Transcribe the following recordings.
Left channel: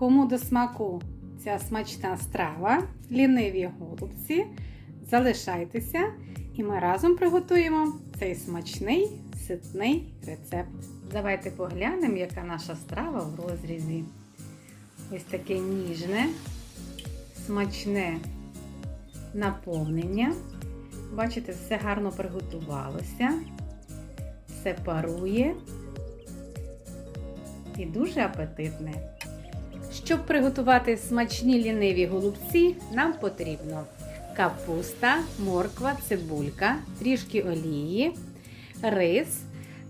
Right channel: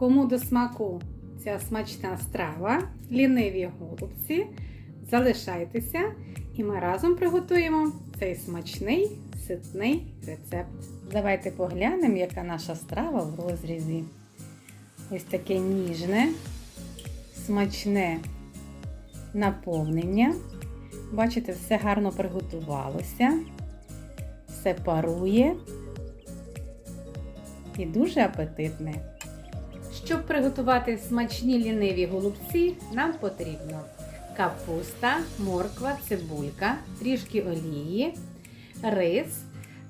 Кому до смаку ця смачна страва, ліниві голубці, залишайтеся і ми разом приготуємо цей смачний ситний рецепт. Давайте поглянемо, яка наша страва в розрізі. Ось таке ніжне, смачне наповнення. Бачите, все гарно приготувалося, все парує і дуже апетитне. Щоб приготувати смачні ліниві голубці, нам потрібно капуста, морква, цибулька, трішки олії, рис,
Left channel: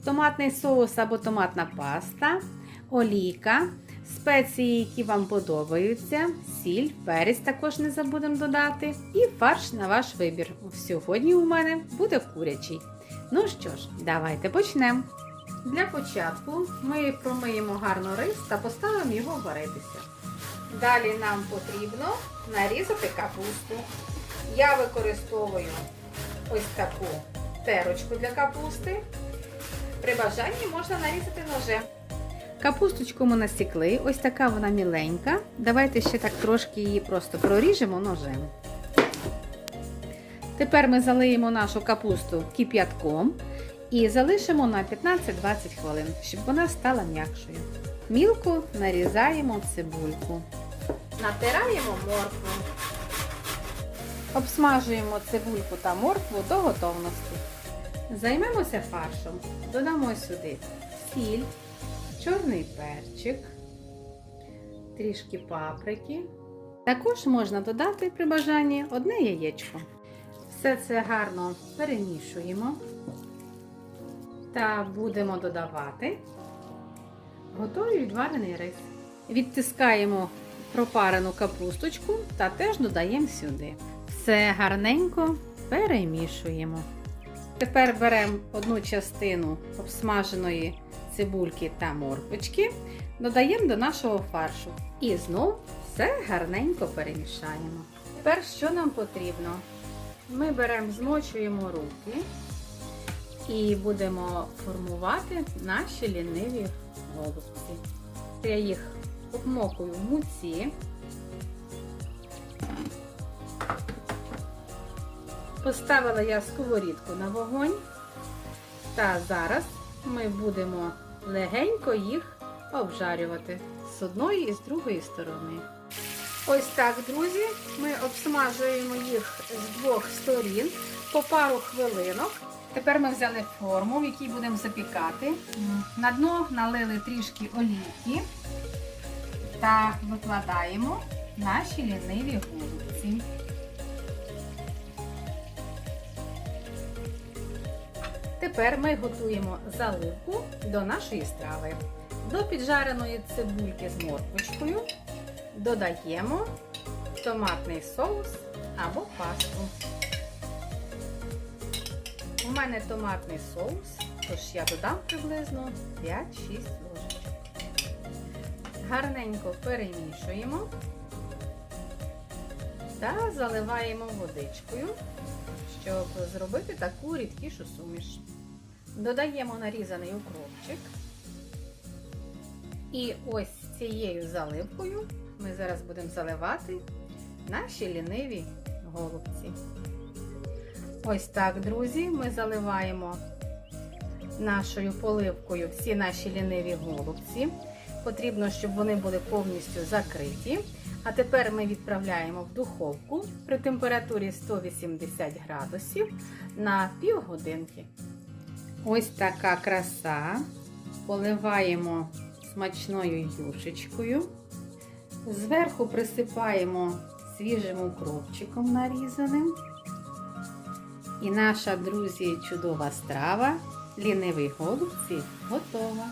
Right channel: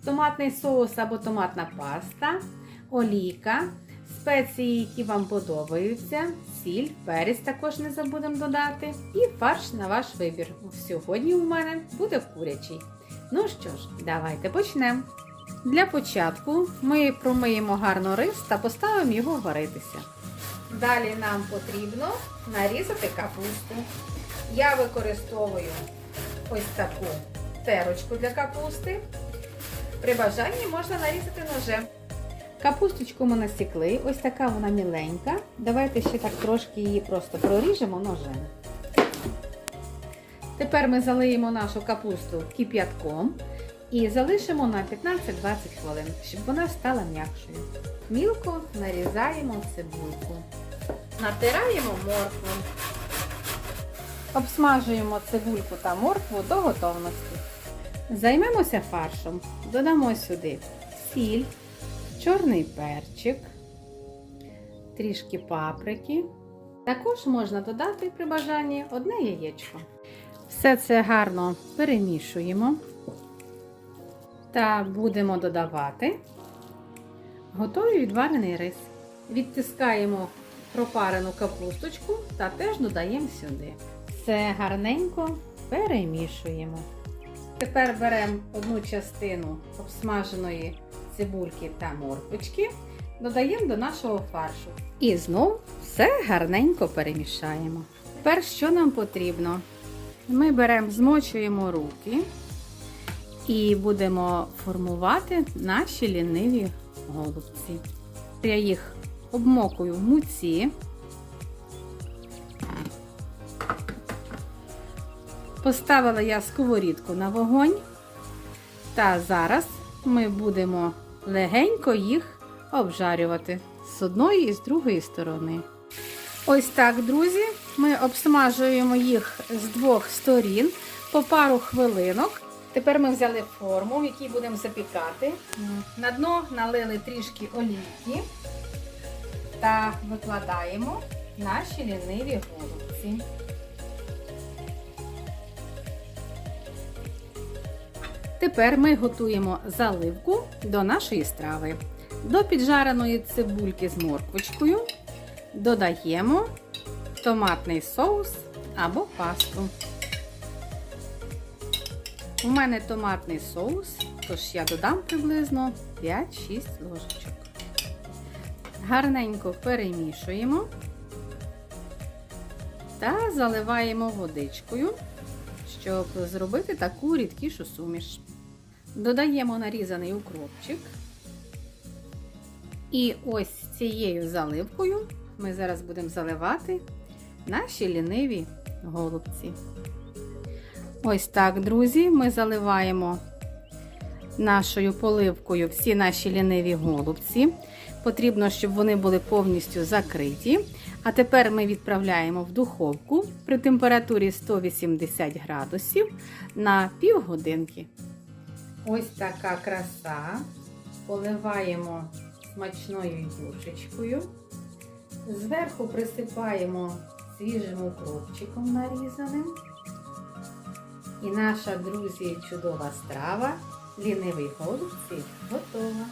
томатний соус або томатна паста, олійка, спеції, які вам подобаються, сіль, перець також не забудемо додати, і фарш на ваш вибір. Сьогодні у мене буде курячий. Ну що ж, давайте почнемо. Для початку ми промиємо гарно рис та поставимо його варитися. Далі нам потрібно нарізати капусту. Я використовую ось таку терочку для капусти. При бажанні можна нарізати ножем. Капусточку ми насікли, ось така вона міленька. Давайте ще так трошки її просто проріжемо ножем. Тепер ми залиємо нашу капусту кип'ятком і залишимо на 15-20 хвилин, щоб вона стала м'якшою. Мілко нарізаємо цибульку. Натираємо моркву. Обсмажуємо цибульку та моркву до готовності. Займемося фаршем. Додамо сюди сіль, чорний перчик, трішки паприки. Також можна додати при бажанні одне яєчко. Все це гарно перемішуємо та будемо додавати готовий відварений рис. Відтискаємо пропарену капусточку та теж додаємо сюди. Все гарненько перемішуємо. Тепер беремо одну частину обсмаженої цибульки та морквочки, додаємо до нашого фаршу. І знову все гарненько перемішаємо. Тепер що нам потрібно? Ми беремо, змочуємо руки і будемо формувати наші ліниві голубці. Я їх обмокую в муці. Поставила я сковорідку на вогонь, та зараз ми будемо легенько їх обжарювати з одної і з другої сторони. Ось так, друзі, ми обсмажуємо їх з двох сторін по пару хвилинок. Тепер ми взяли форму, в якій будемо запікати. На дно налили трішки олійки та викладаємо наші ліниві голубці. Тепер ми готуємо заливку до нашої страви. До піджареної цибульки з морквочкою додаємо томатний соус або пасту. У мене томатний соус, тож я додам приблизно 5-6 ложечок. Гарненько перемішуємо та заливаємо водичкою, щоб зробити таку рідкішу суміш. Додаємо нарізаний укропчик. І ось цією заливкою ми зараз будемо заливати наші ліниві голубці. Ось так, друзі, ми заливаємо нашою поливкою всі наші ліниві голубці. Потрібно, щоб вони були повністю закриті. А тепер ми відправляємо в духовку при температурі 180 градусів на півгодинки. Ось така краса. Поливаємо смачною юшечкою. Зверху присипаємо свіжим укропчиком нарізаним. І наша, друзі, чудова страва, лінивий голубці, готова.